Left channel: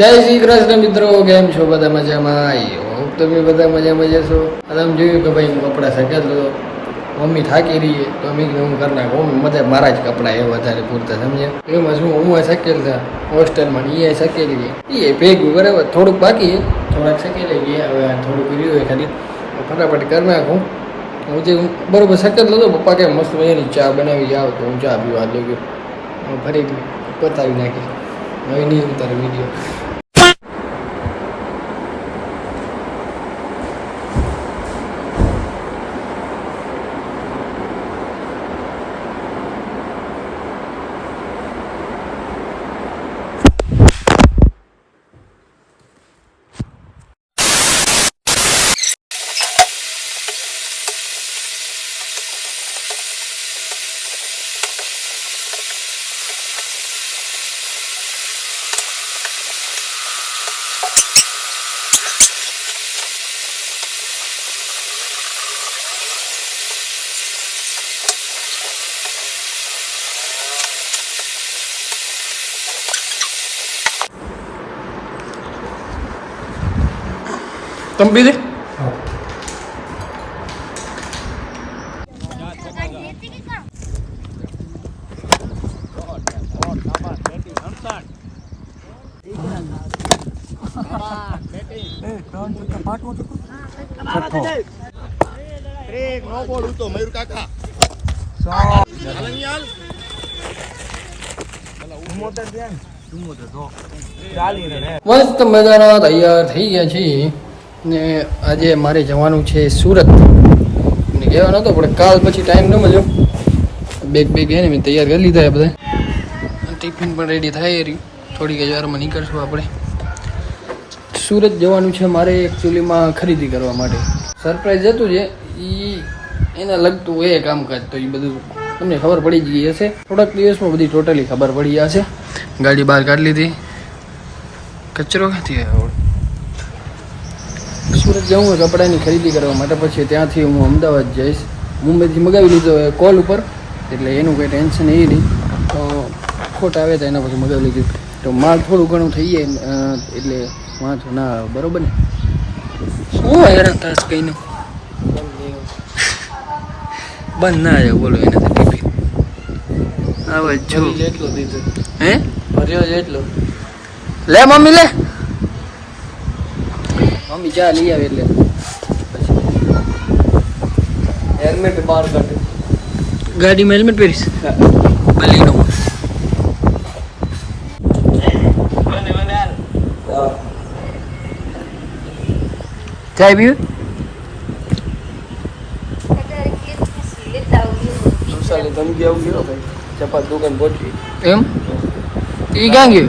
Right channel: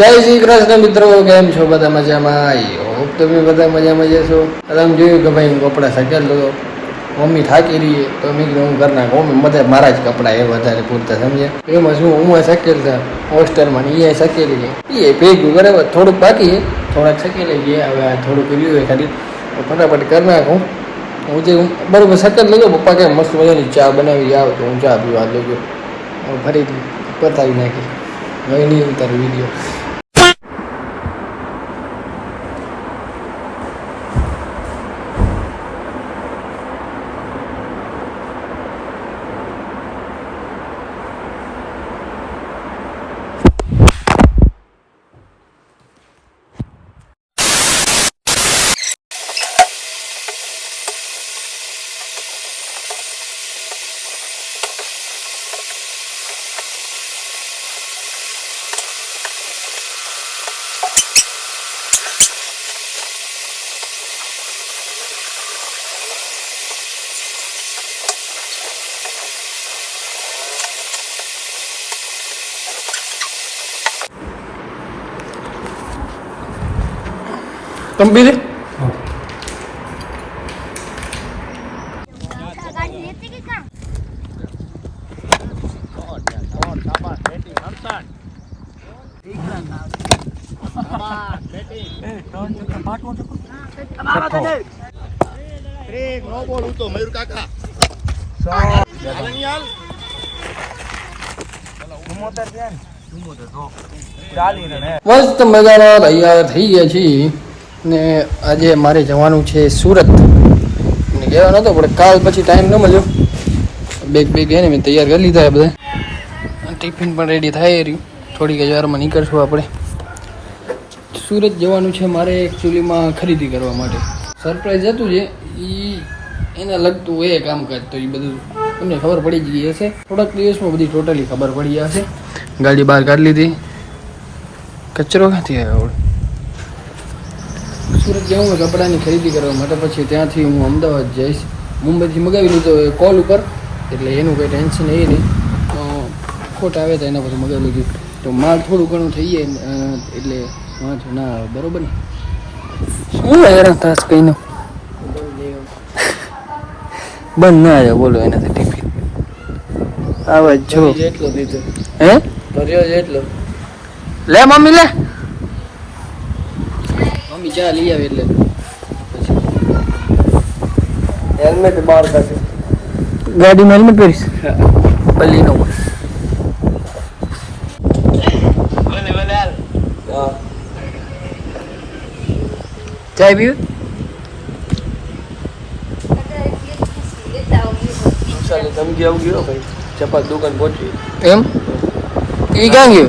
જય શ્રી કૃષ્ણ મિત્રો, કેમ છો બધા મજામાં? આઈ હોપ તમે બધા મજામાં જશો તમે જોયું કે ભાઈ હું કપડાં સકેલ તો મમ્મી થાકી રહી તો મેં કીધું હું કરી નાખું મમ્મી બધા મારા જ કપડાં એ વધારે પૂરતા, સમજ્યા? એમાં શું, હું સકેલ હતા હોસ્ટેલમાં એ સકેલી છે. એ ભેગું બરાબર થોડુંક બાકી છે. થોડાક સકેલી છે હવે થોડુંક રહ્યું હોય ખાલી. ફટાફટ કરી નાખું. હું જે બરોબર સકેલ હતો પપ્પા કે મસ્ત મજાની ચા બનાવી આવ તો હું ચા પીવા લઈ ગયો. ફરીથી પતાવી નાખી હવે નહીં ઉતાર વીડિયો તમે બ્રેક નો બોલ ઉતો મયુર કાકા મસ્ત મજાના તૈયાર થઈ ગયા છીએ. ને આજે મારે જવાનું છે સુરત. ને કહેવાનો હતો, પણ કાલ પછી ટાઈમ ન મળ્યો. બેગ બેગ એને મેં તૈયાર કરી લીધા બધા ટિફિન પણ રેડી થાય રહ્યું. થોડીક જ વારમાં નીકળશું આપણે. સુરત જવાનું છે મારે એકચ્યુઅલીમાં ખરીદી કરવા માટે. સરપ્રાઈઝ હતું છે એ એને લગતું એ કામકાજ તો એ બધું. તમને ખબર પડી ગઈ હશે. થોડાક દિવસમાં બધી ટોટલી ખબર પડી જશે. ગાડી બહાર કાઢી લીધી. કચરો ક્યાંથી આવ્યો? સુરત જવું હોય કપડાની ખરીદી કરવા માટે પછી ત્યાંથી હું અમદાવાદ જઈશ. મુંબઈથી મગાવી લીધો એ કોલ ઉપર એટલે એનું કંઈ ટેન્શન એ નહીં. તો ખોટ આવે તો એના પછી મગાવી લીધું. તો માલ થોડું ઘણું થઈ જાય એટલે વાંધો ના આવે. બરોબર ને? શું હેરાન તાસ કઈનું બંધ ના આવ્યો બોલો એનાથી ટિફિન આવા જો. એટલો દીધો. હે? ભર્યો એટલો. લે મમ્મી લે. મમ્મી ચા લઈ આવે એટલે. હેલ્મેટ બહાર કાઢ્યો ગાડીમાં હેલ્મેટ પહેરીશ? બલીનો ચાય પીવું? ધમકી આવું ગયો ભાઈ. ચપાત દુકાન પહોંચી. એમ? એ ક્યાં ગયો?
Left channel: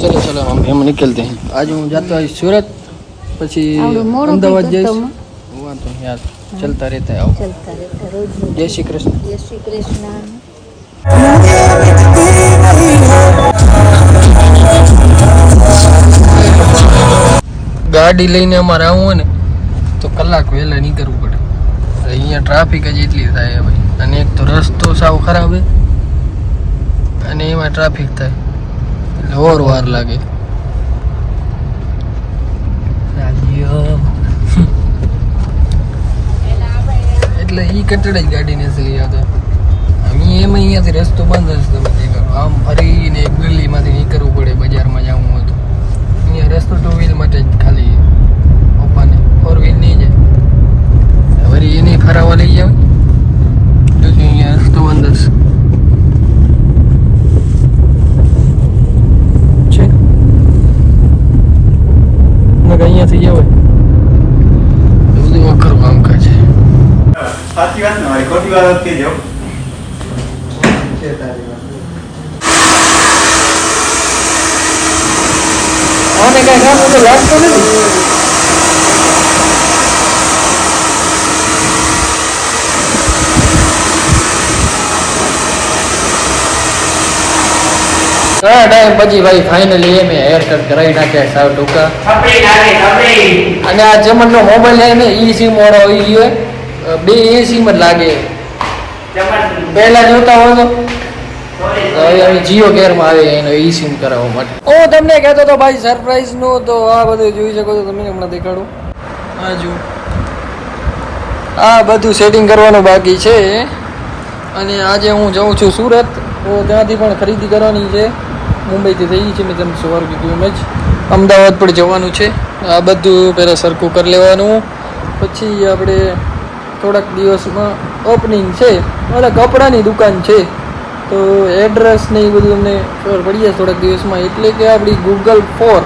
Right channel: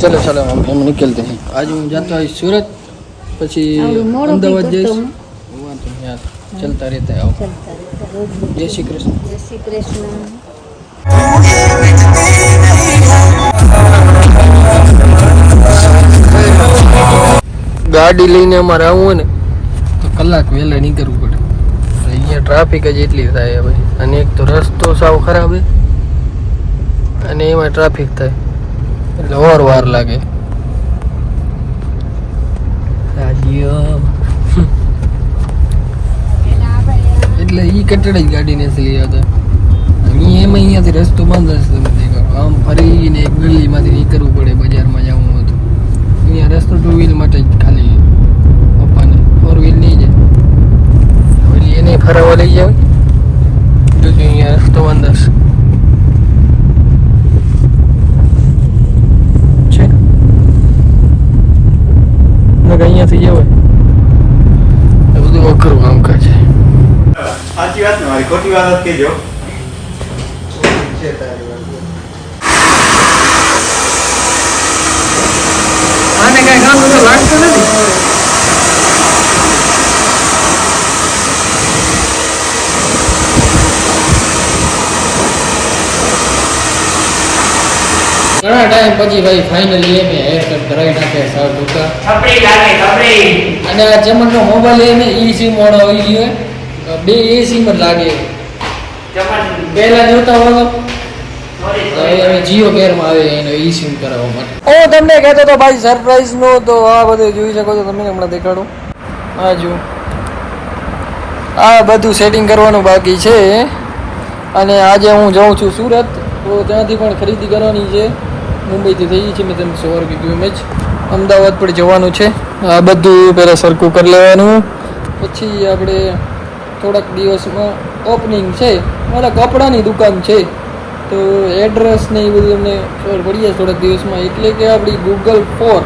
ચલો ચલો એમ નીકળતે હે આજ હું જાતો આવીશ સુરત પછી અમદાવાદ જઈશ. વાંધો યાર ચલતા રહેતા આવો. રહેતા જય શ્રી કૃષ્ણ. જય શ્રી કૃષ્ણ. ગાડી લઈને અમારે આવવું હોય ને તો કલાક વહેલા નીકળવું પડે. અહીંયા ટ્રાફિક જ એટલી થાય ભાઈ. અને એક તો રસ્તો સાવ ખરાબ છે અને એમાં ટ્રાફિક થાય. એટલે વાર વાર લાગે એટલે ઈ કટડે જ ગાડી ને લઈ આવતા. અહીં એમ અહીંયાથી રસ્તો બંધ હશે તમે આમ ફરીને ગલીમાંથી નીકળવું પડે બજારમાં જવું હોય તો. અહીંયા રસ્તો ટુ વ્હીલ માટે જ ખાલી પપ્પાને ફોર વ્હીલ નહીં જાય ફરી એને ફરાવવા લઈ જાવ જો અહીંયા રસ્તો બંધ હશે છે નકર અહીંયાથી જવાય આ બધું અઘરું કામકાજ છે સાચી વાત ને મારી ખોટી વાત જ કહેજો. આને કઈ કામ વગર લાગતું નથી? ઘણા ટાઈમ પછી ભાઈ ફાઇનલી એ મેં હેર કટ કરાવી નાખ્યા સાવ ટૂંકા. અને આ જમણનો મોબાઈલ લઈને ઈ સિમ વાળો આવી ગયો હે. બે એ સિમ જ લાગે. પહેલા જોતા હોય તો. હવે જીઓ કેરમાં આવે એનો ઈ સિમ કરાવવા માટે. હું તમને કહેતો તો ભાઈ સરપ્રાઈઝ નો તો આ બધું જોઈ શકો છો તમે હમણાં દેખાડું. આ જો આ બધું સેટિંગ કરવાનું બાકી છે. અને આજે હું જાઉં છું સુરત તો ત્યાંથી પણ ખરીદી કરવાની છે. મુંબઈથી થઈ છે મેં તમને સવાર કીધું એમ જ અમદાવાદ પણ જવાનું છે. આ બધું પહેલાં સરખું કરી લેવાનું. પછી આપણે થોડાક દિવસમાં ઓપનિંગ છે. એટલે કપડાની દુકાન છે. તો એડ્રેસ ને એ બધું અમને ખબર પડી જાય થોડાક દિવસમાં. એટલે કે આપણી ગૂગલ ફોર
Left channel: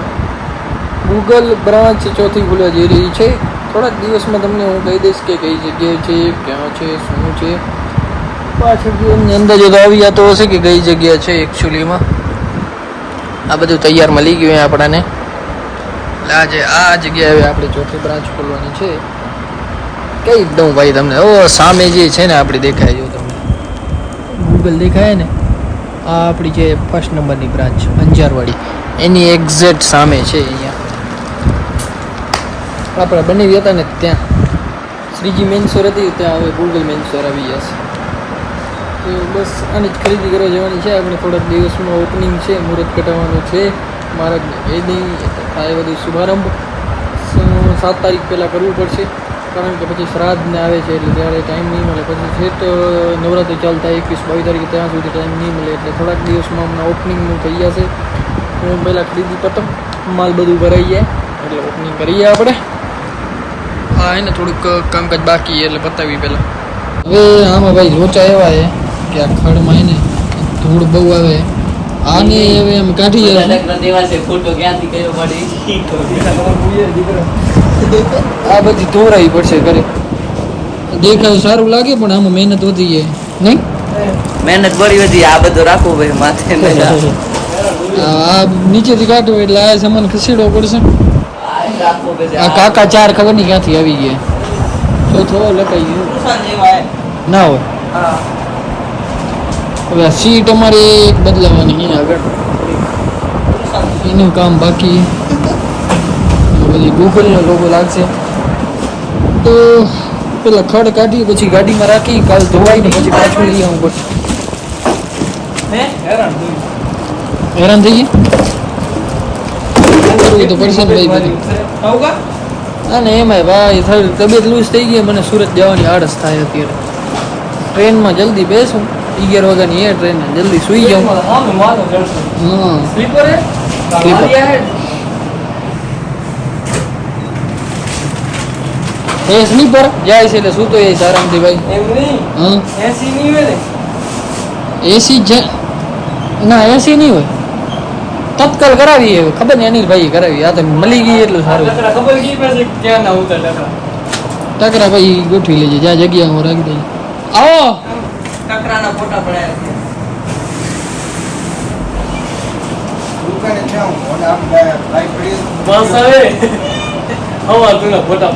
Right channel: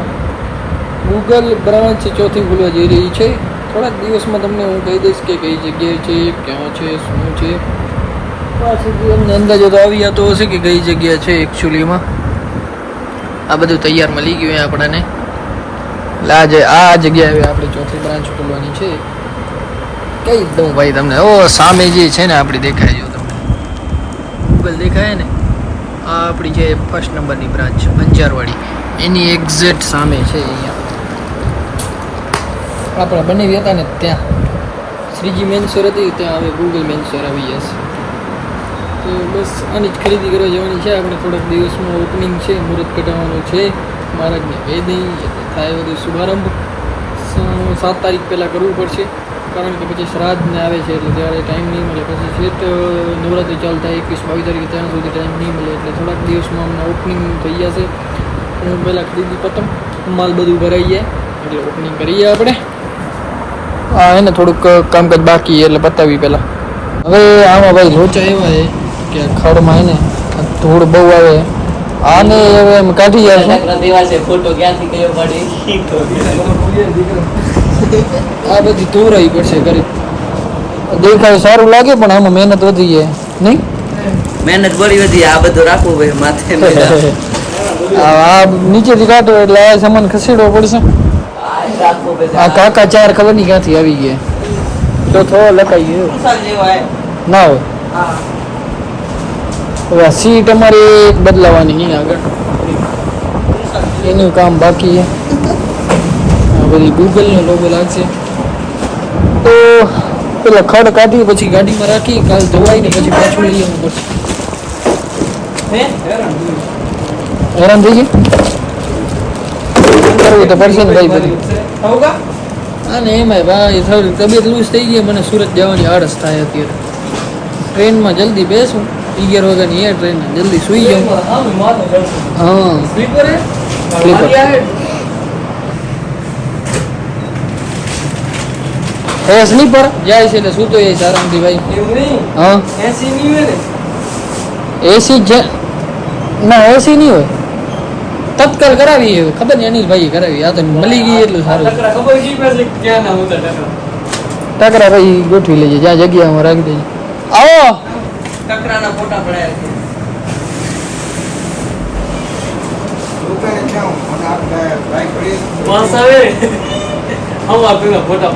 ગૂગલ બ્રાન્ચ ચોથી ખુલવા જઈ રહી છે. થોડાક દિવસમાં તમને હું કહી દઈશ કે કઈ જગ્યાએ છે, ક્યાં છે, શું છે. પાછળ જો એમને અંદાજો તો આવી જતો હશે કે કઈ જગ્યા છે એકચ્યુઅલીમાં આ બધું તૈયાર મળી ગયું આપણને. એટલે આજે આ જગ્યાએ આપણી ચોથી બ્રાન્ચ ખોલવાની છે. કઈ દઉં ભાઈ તમને? ઓ સામે જે છે ને આપણી દેખાય જો તમને. ગૂગલ દેખાય ને? આ આપણી જે ફર્સ્ટ નંબરની બ્રાન્ચ અંજારવાડી. એની એક્ઝેક્ટ સામે છે અહીંયા. આપણે બનાવી હતા ને ત્યાં. શ્રીજી મેન્સોર હતી, ત્યાં હવે ગૂગલ મેન્સોર આવી જશે. તો બસ આની જ ખરીદી કરવા જવાની છે. આપણે થોડાક દિવસમાં ઓપનિંગ છે, મુહૂર્ત કટાવવાનું છે. મહારાજને વેદિંગ થાય બધું શુભારંભ. સાત તારીખ પહેલાં કરવું પડશે. કારણ કે પછી શ્રાદ્ધ ને આવે છે એટલે ત્યારે ટાઈમ નહીં મળે. પછી છે તો નવરાત્રિ ચાલુ થાય એકવીસ બાવીસ તારીખે ત્યાં સુધી ટાઈમ નહીં મળે. એટલે થોડાક દિવસમાં અમને ઓપનિંગનું થઈ જશે. હું પહેલાં ખરીદી પતંગ માલ બધું ભરાઈ જાય. એટલે ઓપનિંગ કરીએ આપણે. હા એને થોડુંક કામકાજ બાકી એટલે પતાવી પહેલાં. હવે આમાં ભાઈ લોચા એવા છે કે આ ખડમાં એને ધૂળ બહુ આવે. આને હવે એમ કાઢી યાર ફોટો ક્યાંથી કયો પાડી આ બધી ધોરાઈ પડશે કરે દેખાય સારું લાગે પણ આમાં મહેનત વધી જાય. નહીં? મહેનત બળી વધી આ બધું રાખો ભાઈ માથે આ નીચેથી કાઢો એટલે આ સામાન ખસેડવો પડશે. આ કાકા ચાર ખબર નહીં ક્યાંથી આવી ગયા? ચોથો લખાઈ ગયો. ના હોય. હવે સીટ અમારે બદલાવાની આગળ. એનું કામ બાકી છે. બધી ગૂગલનો લોગો લાગશે. તો પેલા ખડ કાઢી પછી ગાડીમાં રાખી કાલ ધોવાઈ ને પછી પાછું લઈ આવવું પડશે. હેરાન થઈ ગયા. કરવું તો પડશે ને ભાઈ બધું. અને એમાંય ભાઈ થોડી તબિયત લૂઝ થઈ ગઈ મને સુરત જવાની આળસ થાય અત્યારે. ટ્રેનમાં જલ્દી બેસું અગિયાર વાગ્યાની એ ટ્રેન જલ્દી સુઈ જાઉં. હા. સ્લીપર એ સ્લીપર જાય છે એટલે સૂતો એ આરામથી ભાઈ હા. એસી જ ના એસી નહીં હોય. તત્કાલ કરાવી હવે. ખબર નહીં અનિલભાઈ કરાવી. આ તો મળી ગઈ એટલું સારું. ટકરા ભાઈ ગોઠવી લેજે. જ્યાં જગ્યા હું રાખી દઈ આવો. ટકરાના ફોટા પડ્યા છે.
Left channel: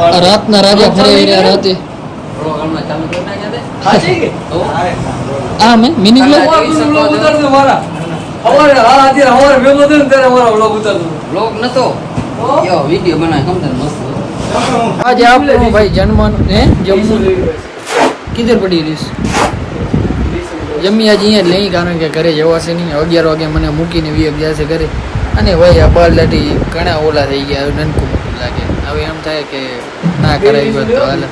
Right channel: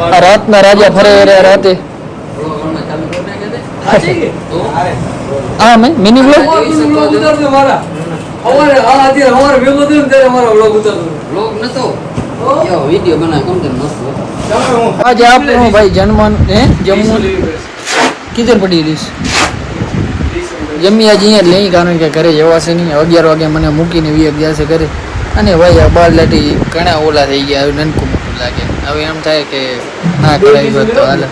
આ રાતના રાજા ફરે રહ્યા રાતે. બ્લોગ? તો? આ મેં મિની બ્લોગ બ્લોગ નતો? વિડિયો બનાવ કેમ મસ્ત આજે આપણો ભાઈ જન્મવાનું હે? જમવું કિધર પડી રહીશ જમી આજે અહીંયા લઈ કારણ કે ઘરે જવાશે નહીં. અગિયાર વાગે મને મૂકીને વી જશે ઘરે. અને ભાઈ આ બાર લાટી ઘણા ઓલા થઈ ગયા નનકું મોટું લાગે. હવે એમ થાય કે ના કરાવી હોત તો હાલ.